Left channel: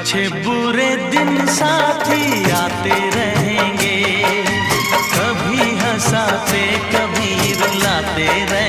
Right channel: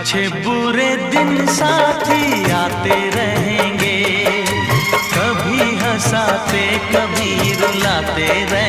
अच्छे बुरे दिन साथी आते रहेंगे, कभी हंसाते कभी रुलाते रहेंगे।